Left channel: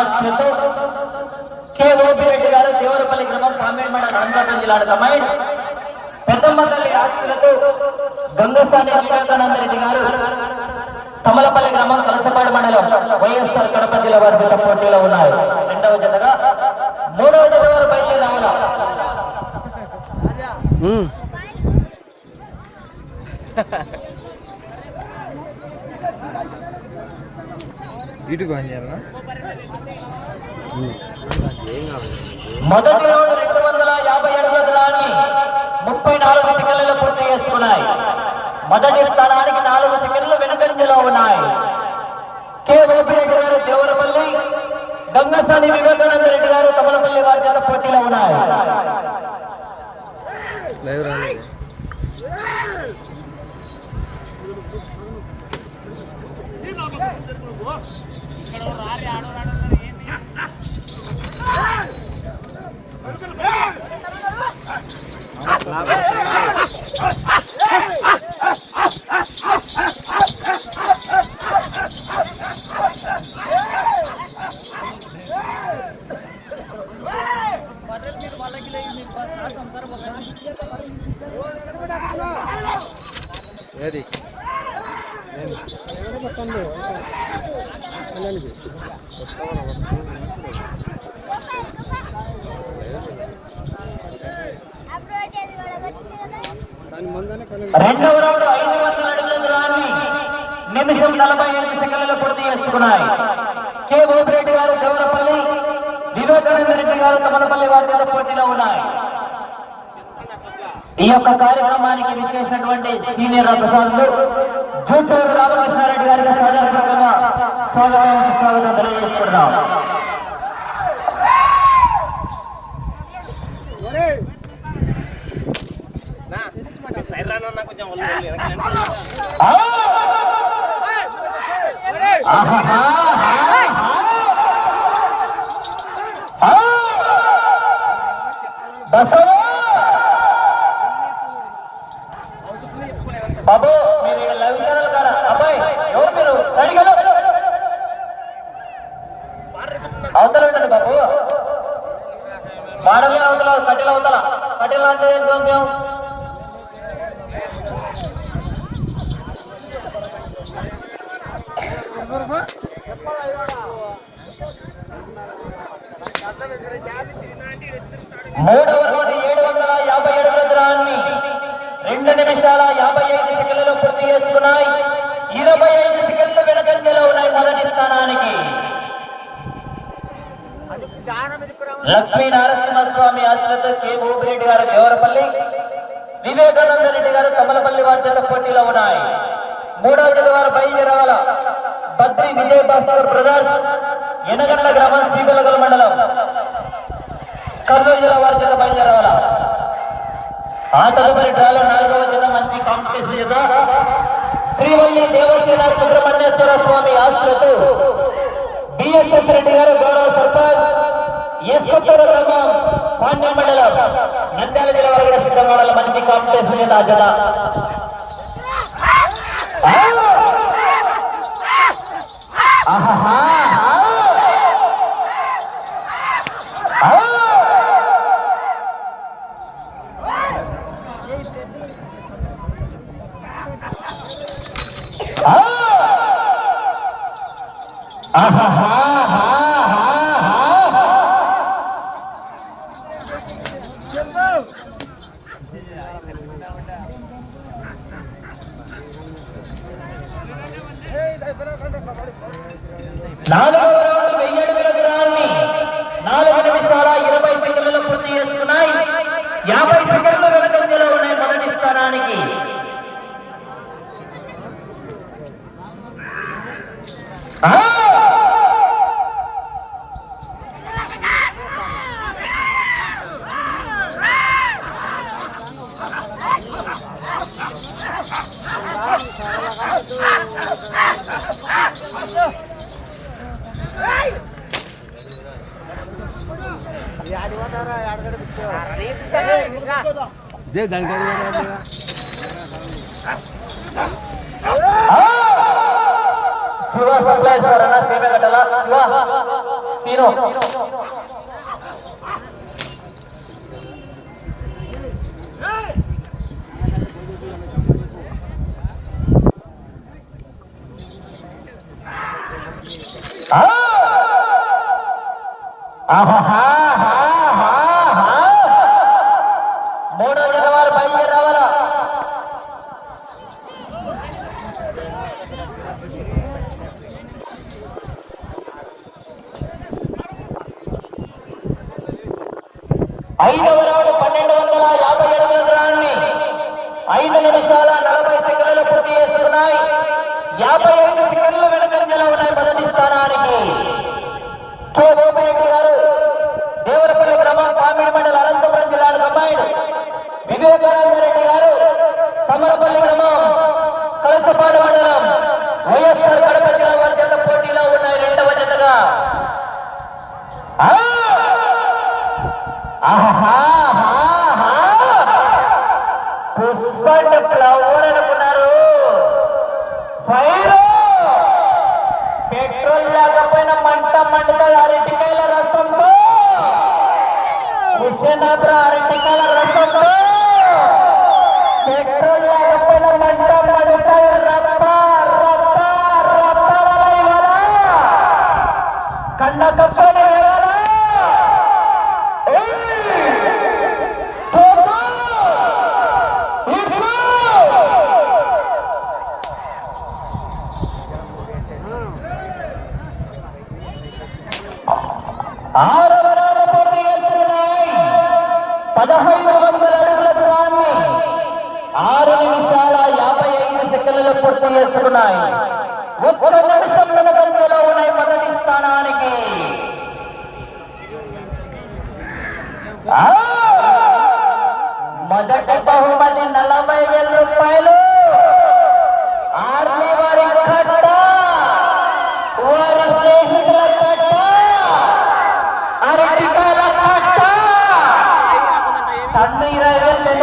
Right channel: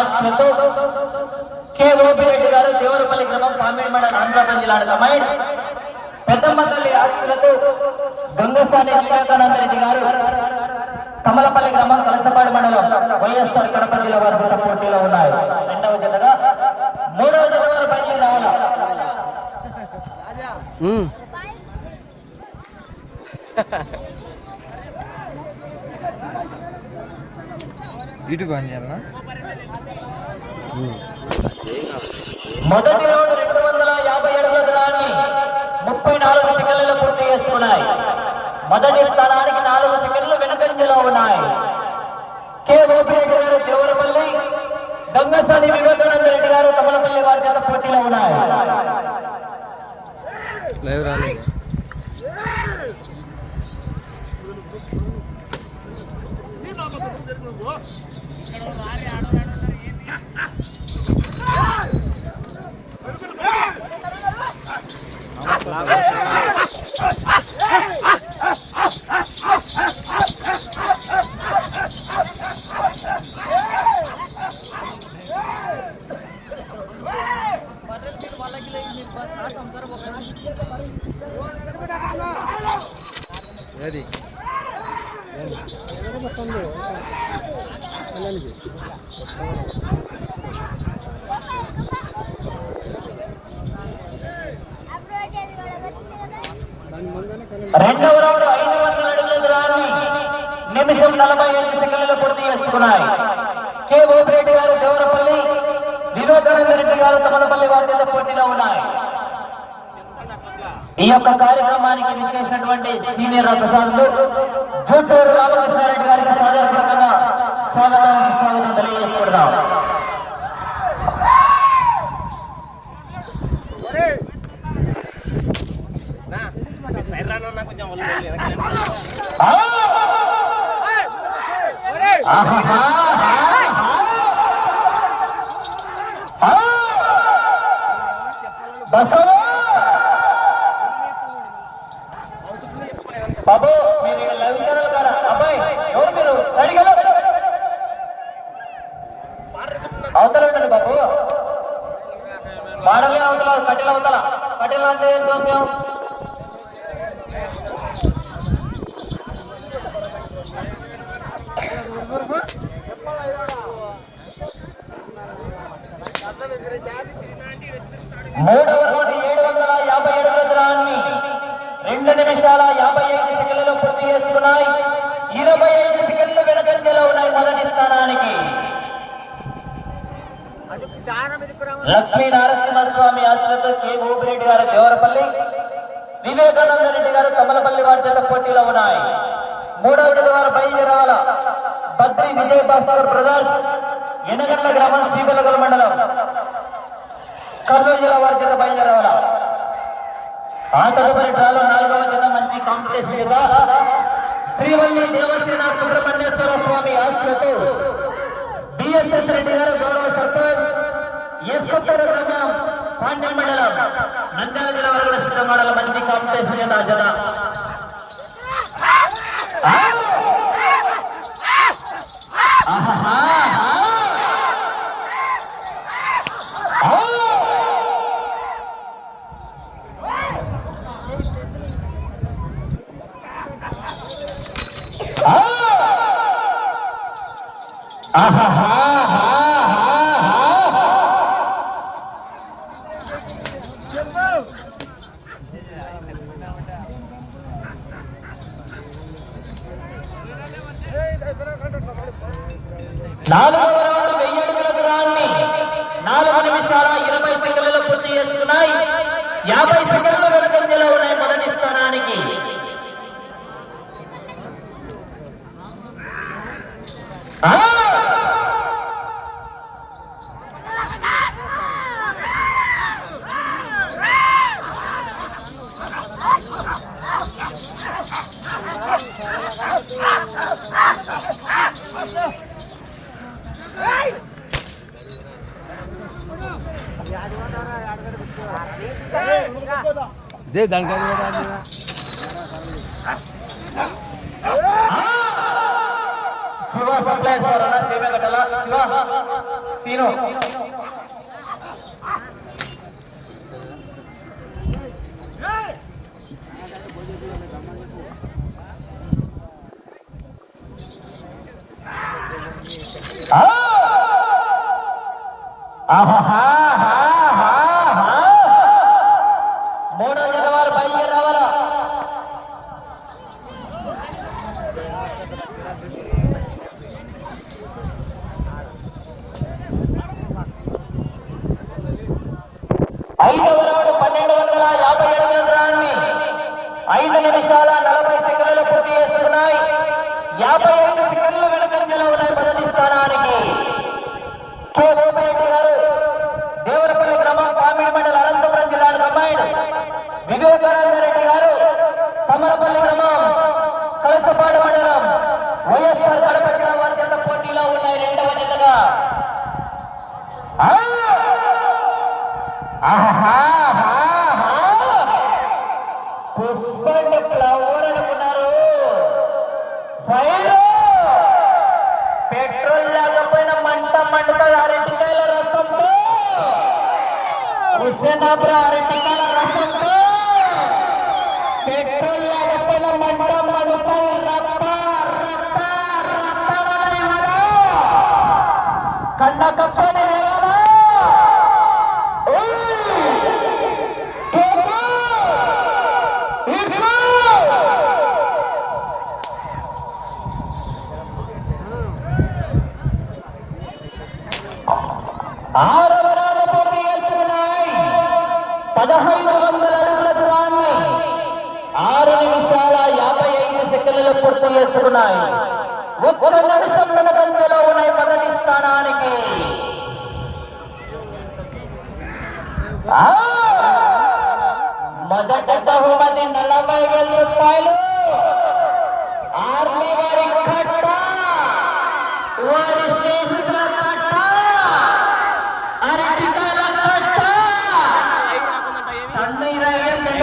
Narasimhaswamy ఆశ్రతో K Opireddy గారు దేవరపల్లి గ్రామం కామేమడ అనంతపురం జిల్లా కమాండ్ పెద్దమ్మ తల్లి ఆశ్రతో గంగసాని వివేకానంద రెడ్డి గారు తమలపల్లి గ్రామం కలసపాడు మండలం వైఎస్ఆర్ కడప జిల్లా వారి జత పోటీలో ఉన్నాయి. రెండవ జతగా మూడవ జత వారు బయలుదేరి రావాలా? ఇటు బయలుదేరా మొదటి రౌండ్ రెండు వందల యాభై అడుగుల దూరాన్ని ముప్పై నాలుగు సెకండ్లలో పూర్తి చేసుకున్నాయి. మొదటి స్థానానికి నాలుగు సెకండ్లు వెనుకంజలో ఉన్నాయి. కె. గోపిరెడ్డి గారు దేవరపల్లి గంగసాని వివేకానంద రెడ్డి గారు కమలపల్లి వారి జత పోటీలో ఉన్నాయి. లైవ్ ఏది? రెండవ రౌండ్ ఐదు వందల అడుగుల దూరాన్ని నిమిషం నలభై ఐదు సెకండ్లు పూర్తి చేసుకున్నాయి. కె. గోపిరెడ్డి గారు దేవరపల్లి వివేకానంద రెడ్డి గారు కమలపల్లి వారి పోటీలో ఉన్నాయి. ఈ యొక్క కార్యక్రమానికి విచ్చేసినటువంటి సీనియర్ అధికారులు జూటూరు రామకృష్ణారెడ్డి గారికి సాధారణంగా స్వాగతం స్వాగతం తెలియజేసుకుంటున్నాం ఆ! ఆహాహా! ఆ! బసవా! బాబు మీరు ఇక్కడ లైవ్ ఛానల్ అబ్బాయి ఎవరు మీరు సరిగా అవతల. ఉండండి బాబు మాడలే అవతల కట్టెల అవతల. కట్టెల అంటే ఏంటో మేము మూడవ కోటి ఏడు వందల యాభై ఏడు దూరాన్ని రెండు నిమిషాల యాభై ఐదు సెకండ్లలో పూర్తి చేసుకున్నాయి. ఇరవై ఐదు సెకండ్లు వెనకంజలో ఉన్నాయి మొదటి స్థానానికి. లక్ష్మీ నరసింహస్వామి ఆశ్రిత కె. భూపిరెడ్డి గారు దేవరపల్లి వివేకానంద రెడ్డి గారు కమలపల్లి వార్తల పోటీలో ఉన్నాయి. మూడవ జత వారు బయలుదేరాల బద్రి విజయ్ భాస్కర్ బ్రదర్స్ ఎనగండ్ల గ్రామం శ్రీకలగల మండలం. కర్నూలు జిల్లా వారి జత ఆ తదుపరి డ్రాలో నాలుగవ చిన్న మంచి కాంపిటీషన్ జత శ్రీవల్లి దేవసేన సుబ్రహ్మణ్యేశ్వర స్వామి ఆశ్రతో బిఎస్ఎస్ రెడ్డి గారు గౌరవ సర్పంచ్ ఎస్కొత్తూరు గ్రామం పాండ్యం మండలం నంద్యాల జిల్లా వరకు కూడా సిద్ధం మంచి కాంపిటీషన్ జత ఆ జత ఆ! ఆహాహా! ఆ! ఆ! ఆహాహా! నాలుగవ dia dangdut Siwa sampai suara nasi adalah Siwa Sino. నిమిషాల నలభై సెకండ్లు పూర్తి చేస్తున్నాయి యాభై ఐదు సెకండ్ల వెనకంజలో ఉన్నాయి మొదటి స్థానానికి. కె. గోపారెడ్డి గారు దేవరపల్లి గ్రామం పామిడి మండల అనంతపురం జిల్లాకు అమ్మాయిడు వివేకానంద రెడ్డి గారు తమరపల్లి గ్రామం కలసపాడు మండలం మంట అరటికాయల రసంతో. హుసేనాబ్రా అరటికాయల రసంతో. పెట్రోల్ లేకపోయిన మంట మండుతాయి రప్ప రప్ప రప్ప కన్న కప్పని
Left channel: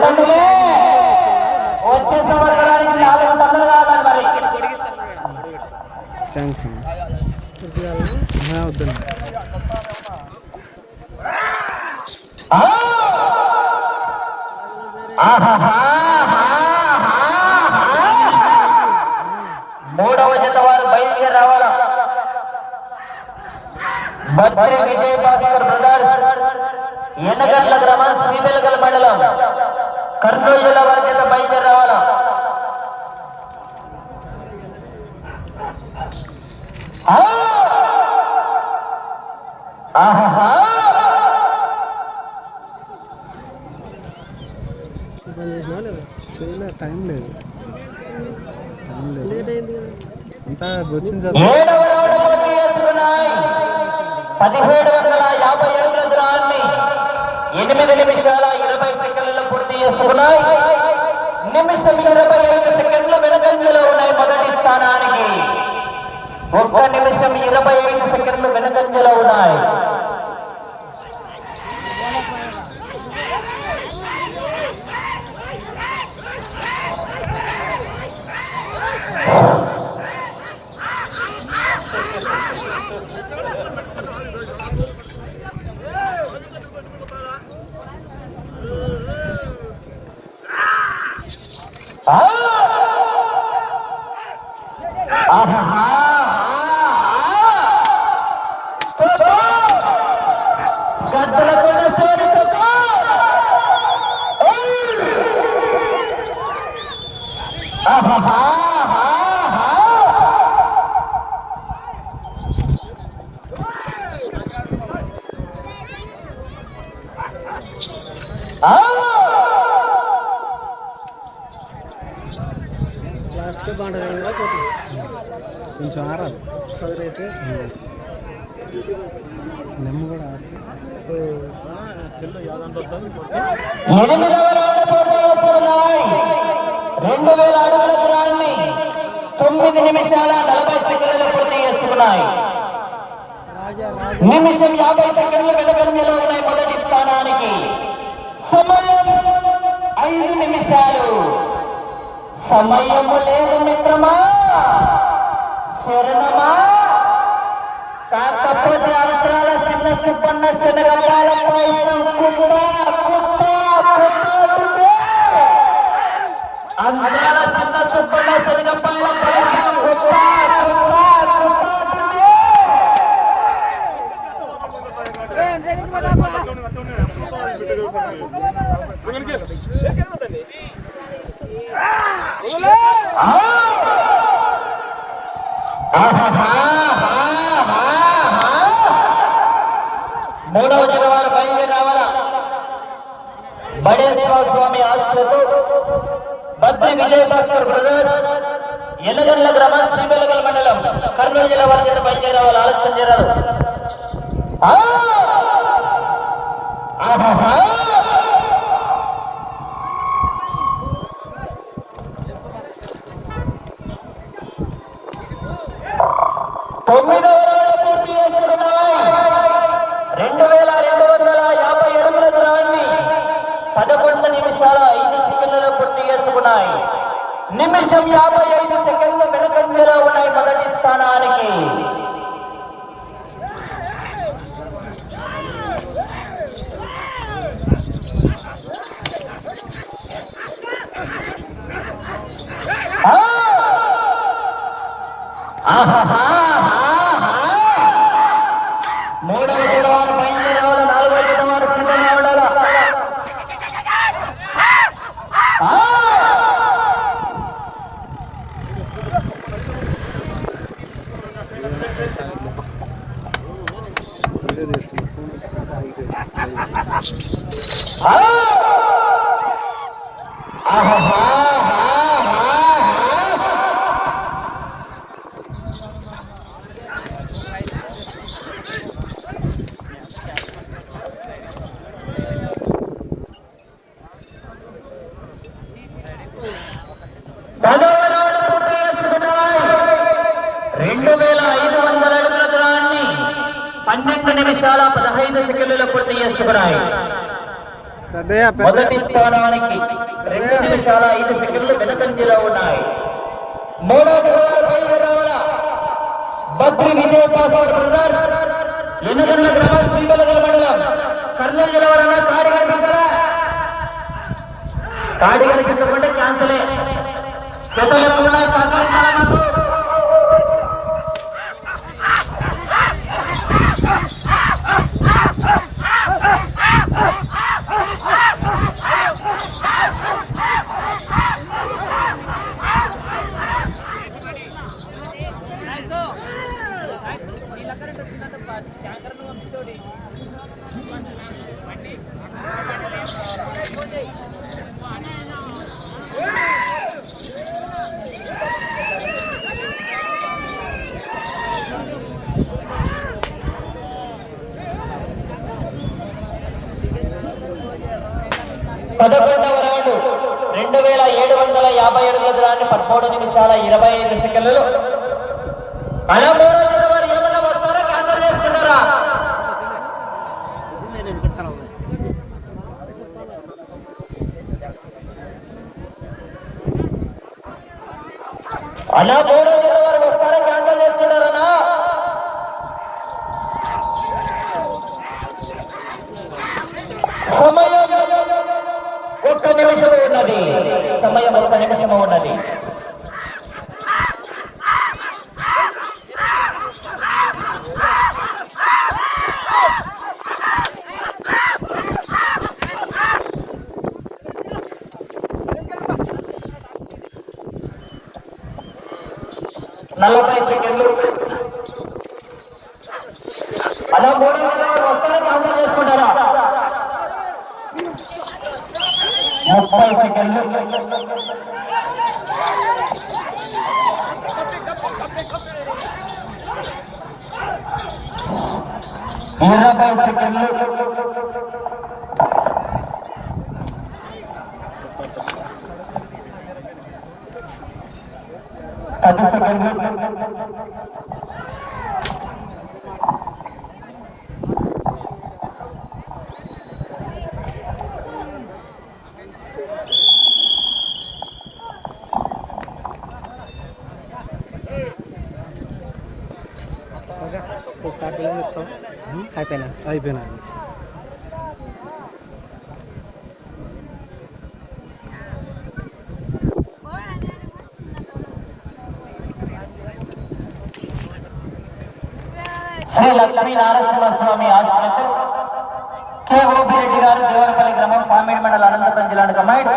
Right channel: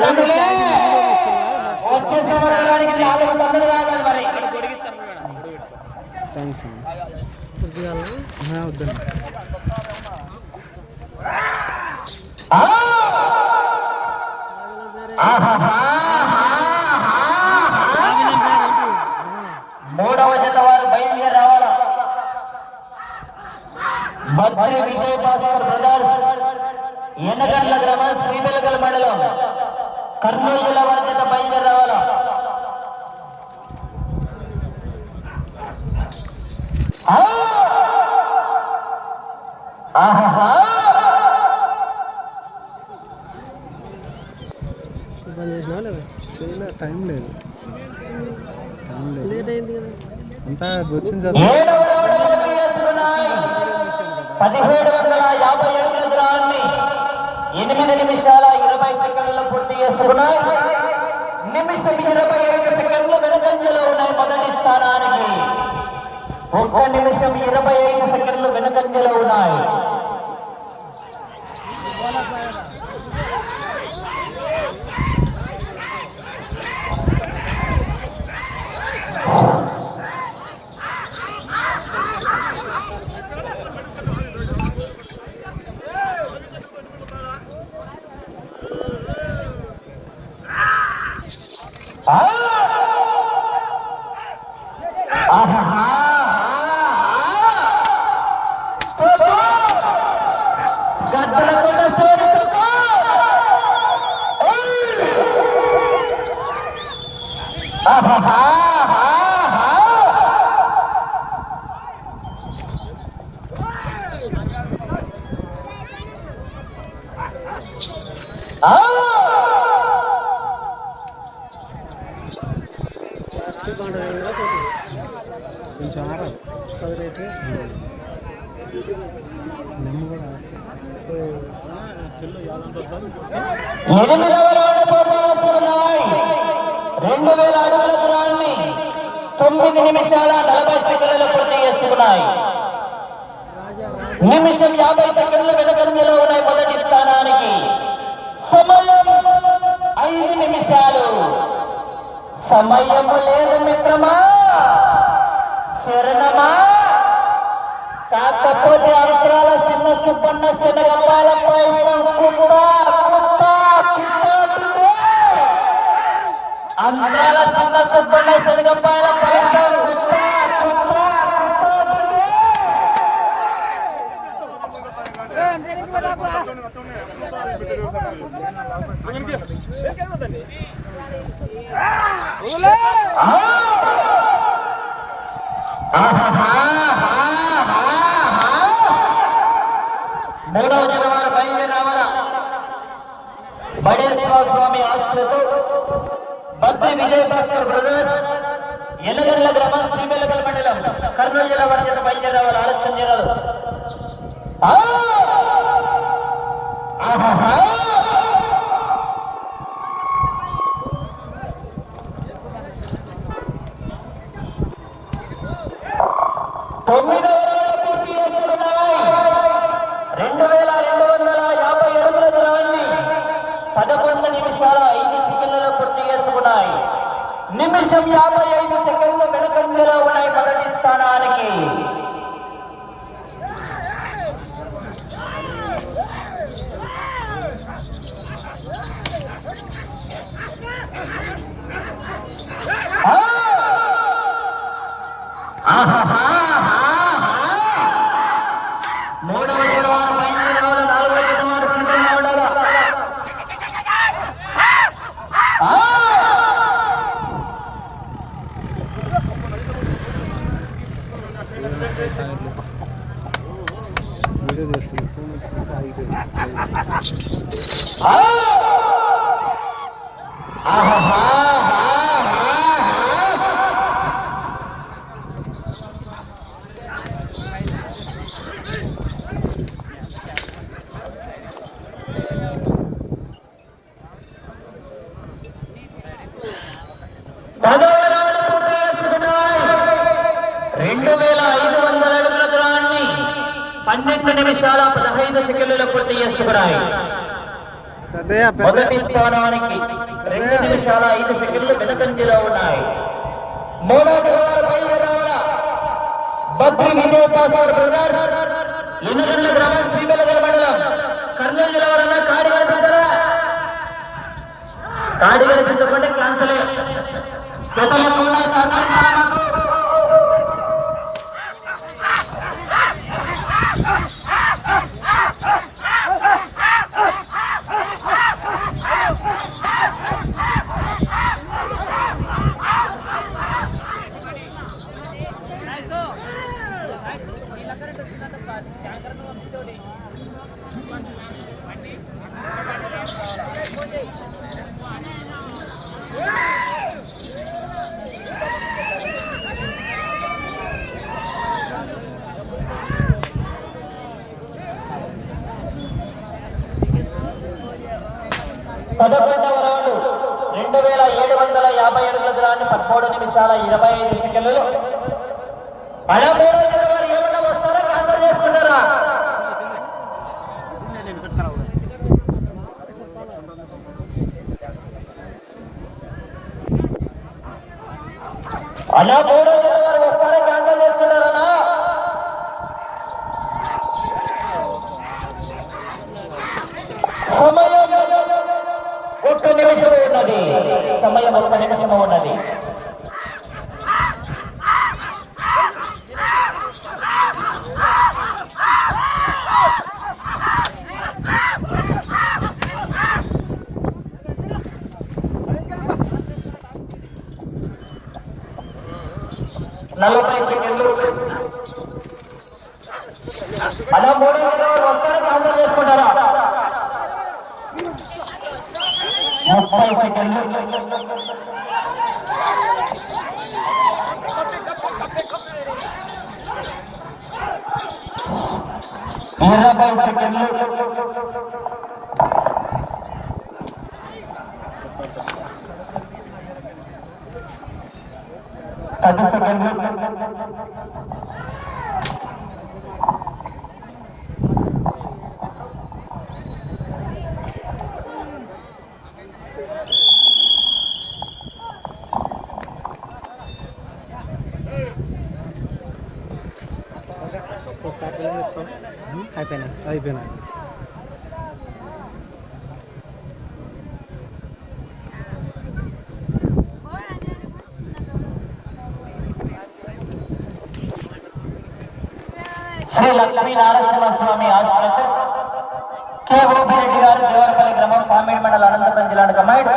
వేలు వచ్చే సంవత్సరానికి నాలుగు వందలు కావాలి మరి థ్యాంక్స్ మూడవ జత వారు బయలుదేరి రావాలి మధ్య విజయ భాస్కర్ బ్రదర్స్ ఎనగండ్ల గ్రామం శ్రీవెలగల్ మండలం కర్నూలు జిల్లా వారి బయలుదేరి రావాలా? టైం లేదు. టైం లేదు. అంతా వచ్చింది సార్. పదిహేడు వందల యాభై అడుగుల దూరాన్ని ఎనిమిది నిమిషాల ఇరవై సెకండ్లు పూర్తి నిమిషం ఇరవై ఐదు సెకండ్ల వెనకంజలో ఉన్నాయి మొదటి స్థానానికి. ఒక్క నిమిషం ఇరవై ఐదు సెకండ్లు వెనకంజలో ఉన్నాయి. కొంచెం ఆరాలి సరే అయితే నెమ్మ కూడా ఎనిమిదవ తొమ్మిది నిమిషాల నలభై సెకండ్లు పూర్తి చేస్తున్నాయి. నిమిషం యాభై సెకండ్ల వెనకంజలో ఉన్నాయి మొదటి స్థానానికి. సమయం ఐదు నిమిషాలు. సమయము లేదు మిత్రమా. శరణమా. కాకపోతే అంతరాల చిన్న సుబ్బన్న శనగపాల పాయసం కుట్ట కుట్ట కుట్ట అంతరాల చిన్న సుబ్బ ఎల్లగల్ల గ్రామం శ్రీబెల్లగల్ మండలం కర్నూలు జిల్లా వారి చేత బయలుదేరి రావాలి ఆలస్యం చేరారు ఆహా యాభై ఐదు సెకండ్లు వెనుకంజలో ఉన్నాయి మొదటి స్థానానికి ఆ! వీడియో చేస్తున్నా ఫోన్ వచ్చింది పన్నెండు నిమిషాల పదహైదు సెకండ్లలో పూర్తి పెద్దయ్య మొదటి స్థానానికి రెండు నిమిషాల ఐదు సెకండ్లు వెనుకంజలో ఉన్నాయి. మూడవ వారు బయలుదేరాల బద్రి విజయ్ పాస్వర్డ్ బ్రదర్స్ ఎన్నికల గ్రామ శ్రీబెలగల మండలం కర్నూలు జిల్లా కాడి కనిపించరా? కాడి కనిపించకుండా క్యాన్సలే. చేతలకు మాకు. పదకొండవ రౌండ్ రెండు వేల ఏడు వందల యాభై అడుగుల దూరాన్ని పదమూడు నిమిషాల ఇరవై ఐదు సెకండ్లు. పదమూడవ జనవరి ఏమన్నా వస్తారా? క్యాన్సల్ చేసుకున్నారా అలా మూడో జనవరి వస్తారా? క్యాన్సల్ చేసుకున్నారనా సమయం ఒక్క నిమిషం ఉన్నది. సమయం ఒక్క నిమిషము ఉన్నది. నలభై సెకండ్లు. అలా మోడీ వస్తారా క్యాన్సల్ చేసుకుంటారా? ముప్పై సెకండ్లు. ఇరవై సెకండ్లు. 30 second group. అయిపోయినా అయిపోయినా శ్రీ లక్ష్మీ నారసింహ నరసింహస్వామి ఆశ్రమతో కె. ఓపిరెడ్డి గారు దేవరపల్లి గ్రామం పామేడు మండల అనంతపురం జిల్లాను కమాండ్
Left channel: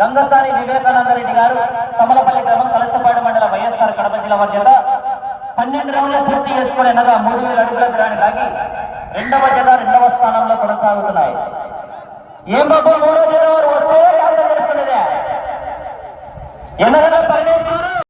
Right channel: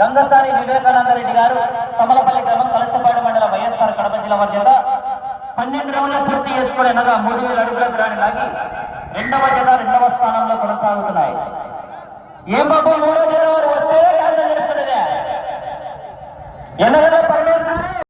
గంగసాని వివేకానంద రెడ్డి గారు కమలపల్లి గ్రామం కలసపాడు మండల వైఎస్ఆర్ కడప జిల్లా మధ్యత పన్నెండు రౌండ్ల పూర్తి చేసుకుని అనగా మూడు వేల అడుగుల గ్రాన్ని లాగి రెండవ జిల్లా రెండవ స్థానంలో కొనసాగుతున్నాయి. ఏం బాబు మూడో జిల్లా వారు వచ్చే చేసుకునేదే. ఎన్నో పరమేశ్వరు!